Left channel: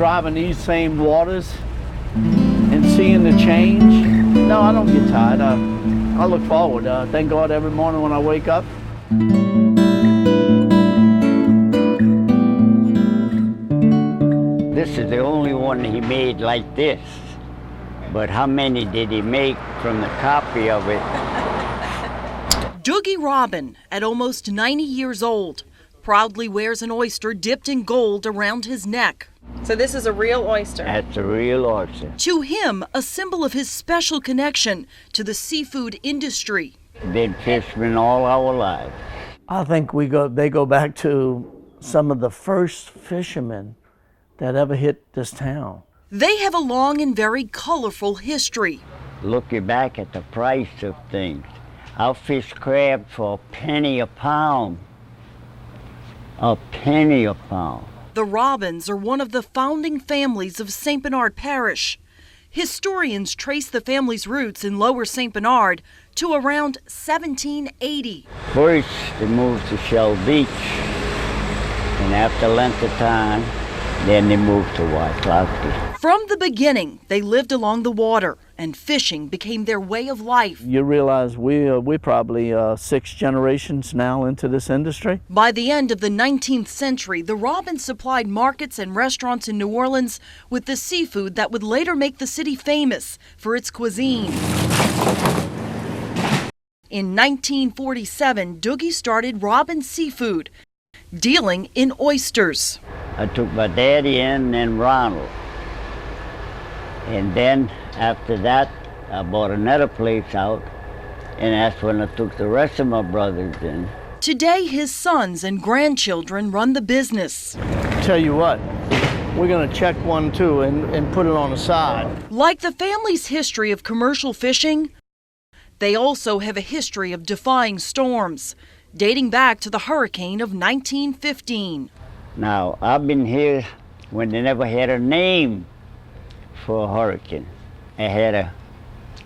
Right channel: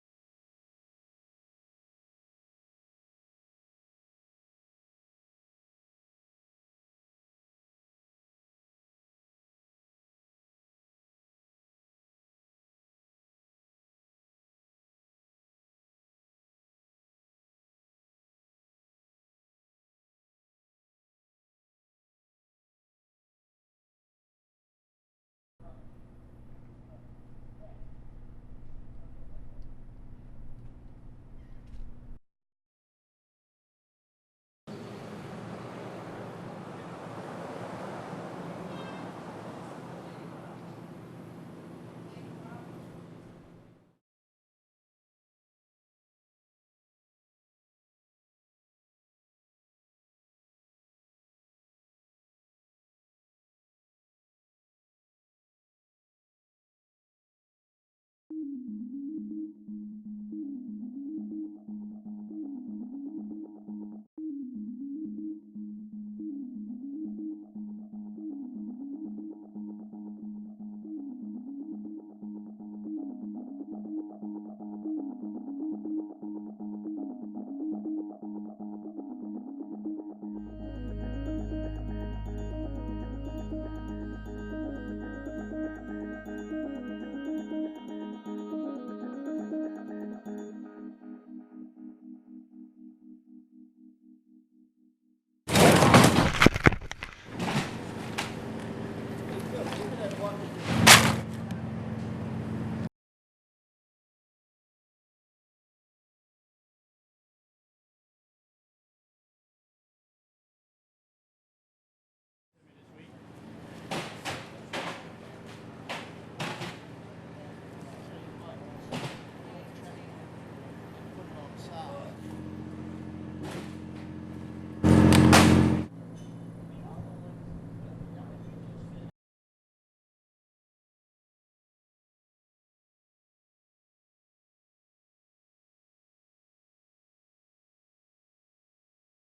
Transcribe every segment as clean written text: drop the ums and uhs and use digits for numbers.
driving these same waters and seeing the change, no, I don't get tired. I look forward. Thank God every morning when I wake up. This is the only one he made like this. But how many did he make from the copy of it? Doogie Robin, at almost 90 years old, proudly wears an oyster dipped in gold around his neck. So this is a real oyster? That's a real oyster. To him, a symbol of his special connection to the seafood industry. Been fishermen all our lives. I think they go back to some of the first fishermen that ever hit this town. They have a long and very colorful history. Looking back at the price of things, I'll fish crab for a penny a pound. A penny a pound. The Robins are one of the founding families of St. Bernard Parish. Historians trace the family's roots in Lower St. Bernard to around 1780. First, they moved to Shell Beach, and after length of time, then they moved to Wycliffe. From the beginning, they lived along the water, and fishing became their way of life. You realize we're probably 6 generations now into this industry. By the end of the 19th century, the Robins supplied markets and restaurants in New Orleans with the seafood that would later make the city famous for its cuisine. In 1947, Doogie started Robin Seafood, dealing in oysters. I took my daddy in and Ronald. And then after that, I bought another place out, and that's when I took the rest of my brothers in. Today, his sons and grandchildren run the business. Tell you what, we're gonna check one too and put it on the side. Like the family's history of commercial fishing, they also have a history of defying storms, dating back to the hurricane of 1915. Now, I've been here when they never had a name for a hurricane. I had a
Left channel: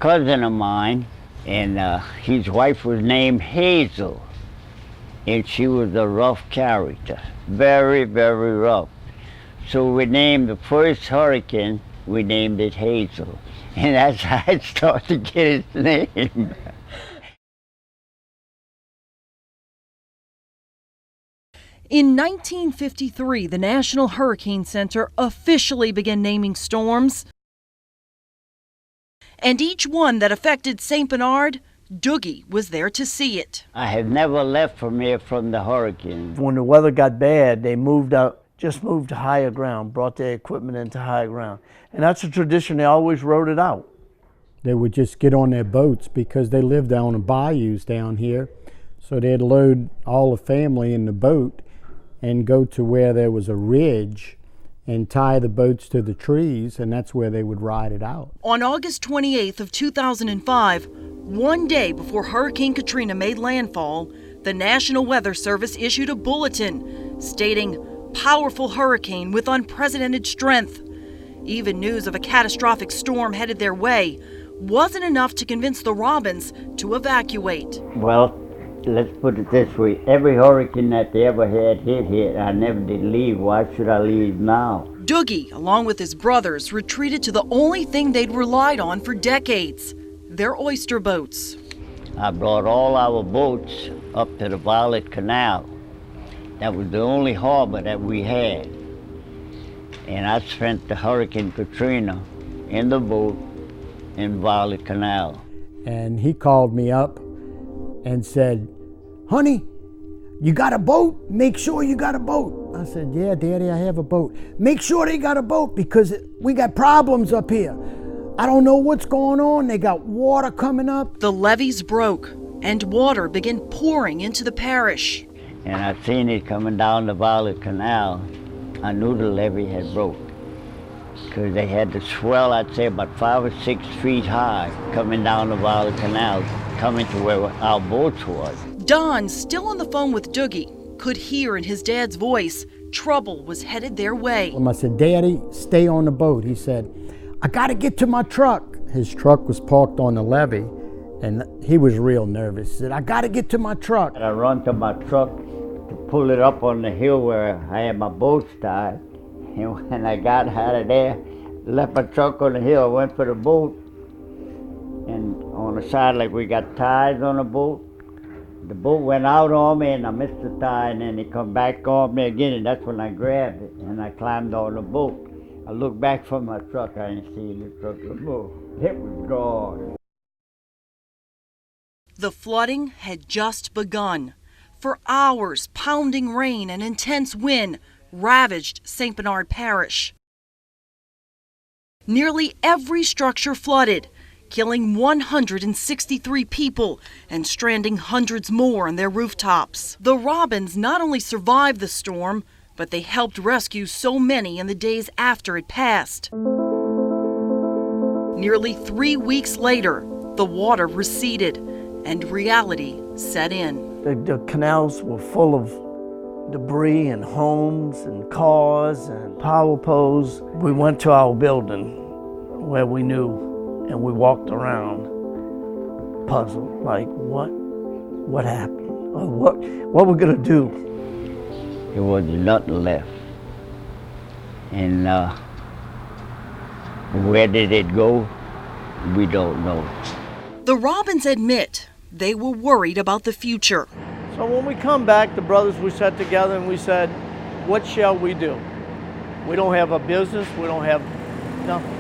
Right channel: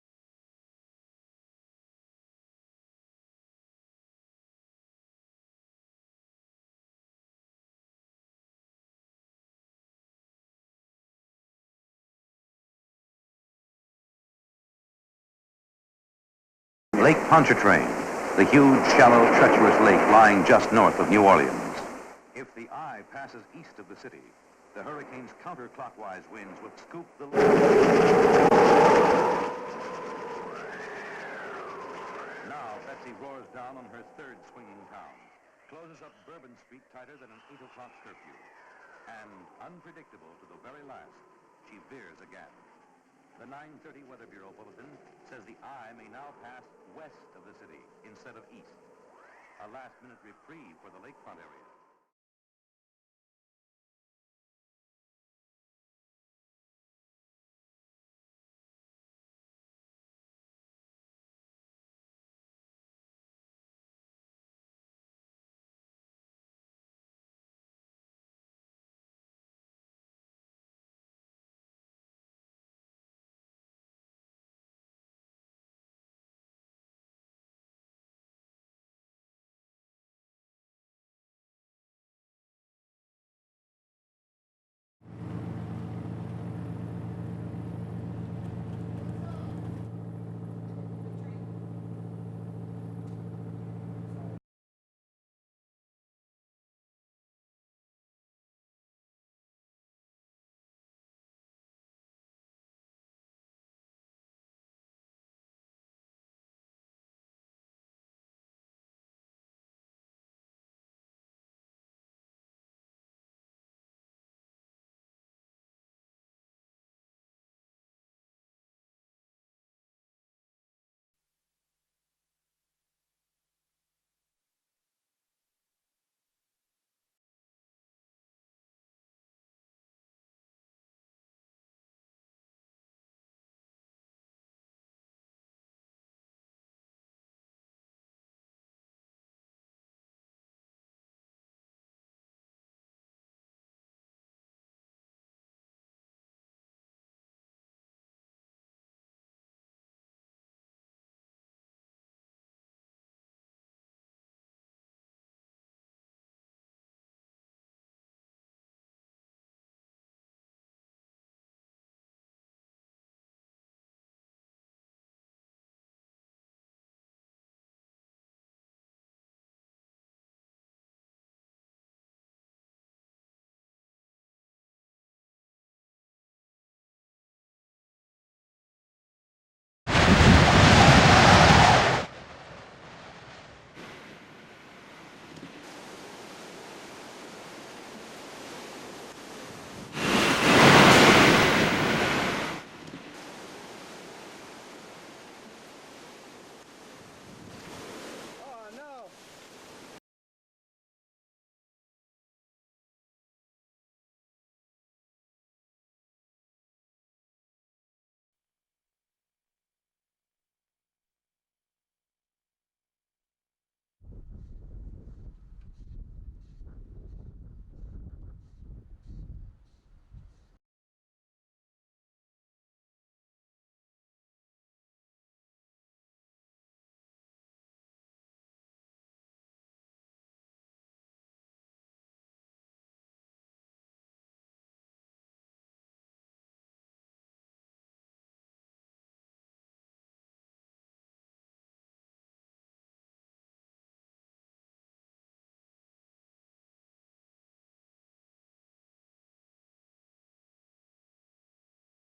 cousin of mine, and his wife was named Hazel, and she was a rough character, very, very rough. So we named the first hurricane, we named it Hazel, and that's how it started to get its name. Lake Pontchartrain, the huge, shallow, treacherous lake lying just north of New Orleans. In 1953, the National Hurricane Center officially began naming storms. And each one that affected St. Bernard, Doogie was there to see it. I have never left from here from the hurricane. When the weather got bad, they moved out, just moved to higher ground, brought their equipment into higher ground. And that's a tradition, they always wrote it out. They would just get on their boats because they lived down the bayous down here. So they'd load all the family in the boat and go to where there was a ridge and tie the boats to the trees, and that's where they would ride it out. On August 28th of 2005, one day before Hurricane Katrina made landfall, the National Weather Service issued a bulletin stating, "Powerful hurricane with unprecedented strength." Even news of a catastrophic storm headed their way wasn't enough to convince the Robins to evacuate. Well, let's put it this way. Every hurricane that they ever had hit, I never did leave. Why should I leave now? Doogie, along with his brothers, retreated to the only thing they'd relied on for decades, their oyster boats. I brought all our boats up to the Violet Canal. That was the only harbor that we had. And I spent the Hurricane Katrina in the boat in Violet Canal. And he called me up and said, "Honey, you got a boat? Make sure you got a boat." I said, "Yeah, Daddy, I have a boat." "Make sure they got a boat because we got problems up here. I don't know what's going on. They got water coming up." The levees broke and water began pouring into the parish. And I seen it coming down the Violet Canal. I knew the levee had broke because they had the swell, I'd say about 5 or 6 feet high, coming down the Violet Canal, coming to where our boats was. Don, still on the phone with Doogie, could hear in his dad's voice trouble was headed their way. I said, "Daddy, stay on the boat." He said, "I got to get to my truck." His truck was parked on the levee, and he was real nervous. He said, "I got to get to my truck." And I run to my truck to pull it up on the hill where I had my boats tied, And when I got out of there, left my truck on the hill, went for the boat. And on the side, like we got ties on the boat. The boat went out on me and I missed the tie, and then it come back on me again, and that's when I grabbed it and I climbed on the boat. I looked back from my truck, I didn't see the truck no more. It was gone. The flooding had just begun. For hours, pounding rain and intense wind ravaged St. Bernard Parish. Nearly every structure flooded, killing 163 people and stranding hundreds more on their rooftops. The Robins not only survived the storm, but they helped rescue so many in the days after it passed. Nearly 3 weeks later, the water receded and reality set in. The canals were full of debris and homes and cars and power poles. We went to our building where we knew, and we walked around puzzled, like what happened? Or what we're gonna do? There was nothing left. And where did it go? We don't know. The Robins admit they were worried about the future. So when we come back, the brothers, we sat together and we said, what shall we do? We don't have a business, we don't have nothing.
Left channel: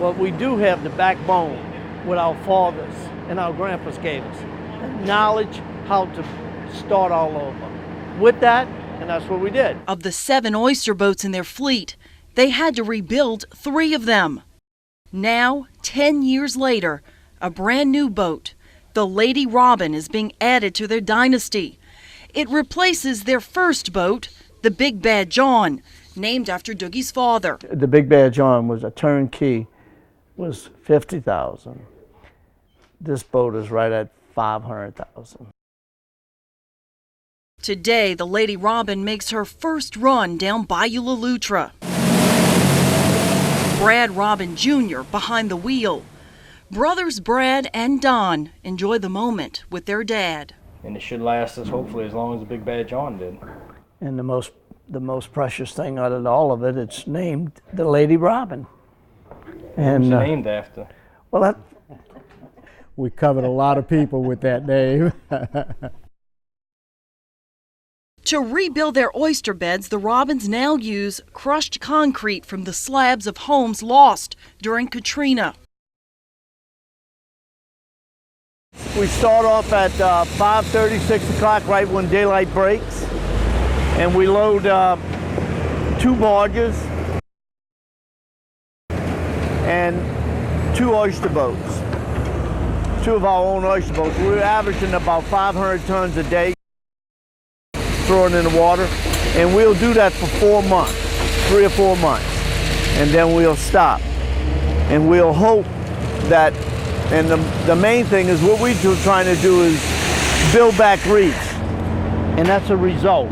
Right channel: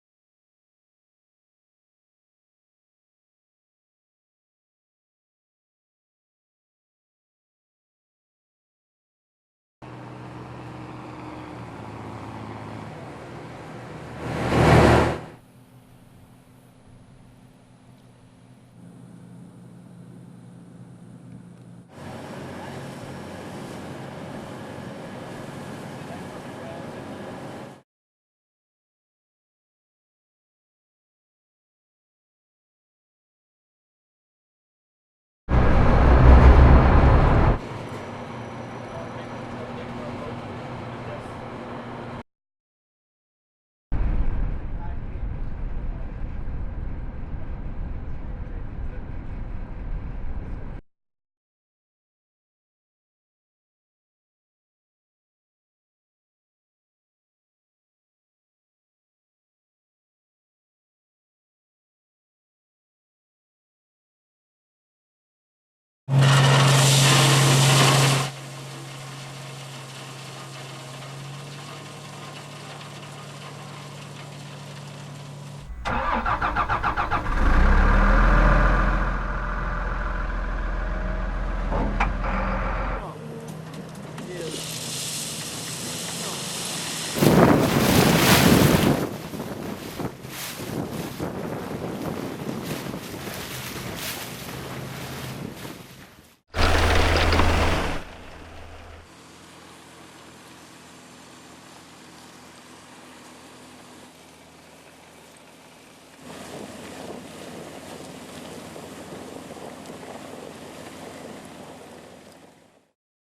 But we do have the backbone what our fathers and our grandpas gave us. Knowledge how to start all over. With that, and that's what we did. Of the 7 oyster boats in their fleet, they had to rebuild 3 of them. Now, 10 years later, a brand new boat, the Lady Robin, is being added to their dynasty. It replaces their first boat, the Big Bad John, named after Doogie's father. The Big Bad John was a turnkey, was $50,000. This boat is right at $500,000. Today, the Lady Robin makes her first run down Bayou La Loutre. Brad Robin Jr. behind the wheel. Brothers Brad and Don enjoy the moment with their dad. And it should last us hopefully as long as the Big Bad John did. And the most precious thing out of all of it, it's named the Lady Robin. And Who's it named after? Well, We covered a lot of people with that name. To rebuild their oyster beds, the Robins now use crushed concrete from the slabs of homes lost during Katrina. we start off at 5:30, 6 o'clock, right when daylight breaks, and we load 2 barges and 2 oyster boats. 2 of our own oyster boats. We're averaging about 500 tons a day, throwing in the water, and we'll do that for 4 months, 3 or 4 months, and then we'll stop. And we'll hope that, and the main thing is what we're trying to do is build back reefs, and that's a result.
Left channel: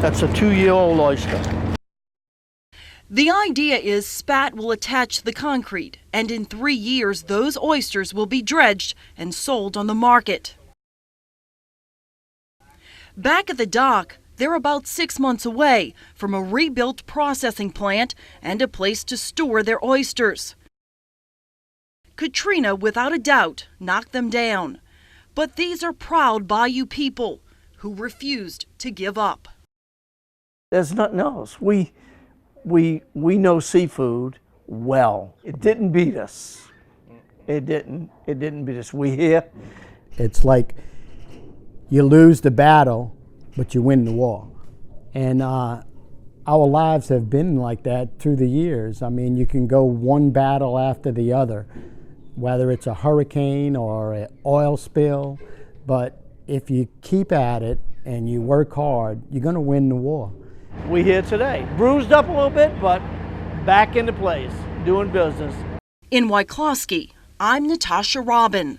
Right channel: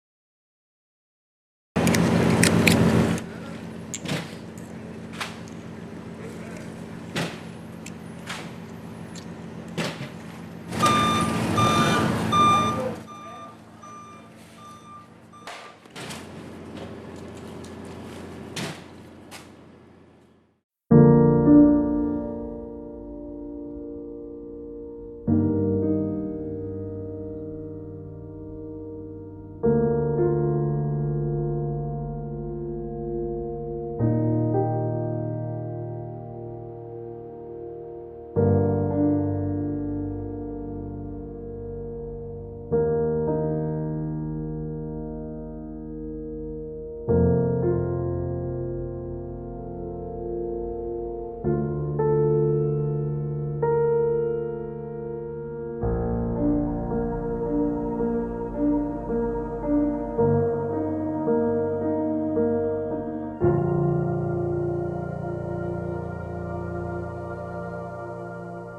That's a 2-year-old oyster. The idea is spat will attach the concrete, and in 3 years, those oysters will be dredged and sold on the market. Back at the dock, they're about 6 months away from a rebuilt processing plant and a place to store their oysters. Katrina, without a doubt, knocked them down. But these are proud Bayou people who refused to give up. There's nothing else. We know seafood well. It didn't beat us. It didn't beat us. We here. It's like you lose the battle, but you win the war. And our lives have been like that through the years. I mean, you can go one battle after the other, whether it's a hurricane or an oil spill, but if you keep at it and you work hard, you're gonna win the war. We here today. Bruised up a little bit, but back into place, doing business. In Wyclosky, I'm Natasha Robin.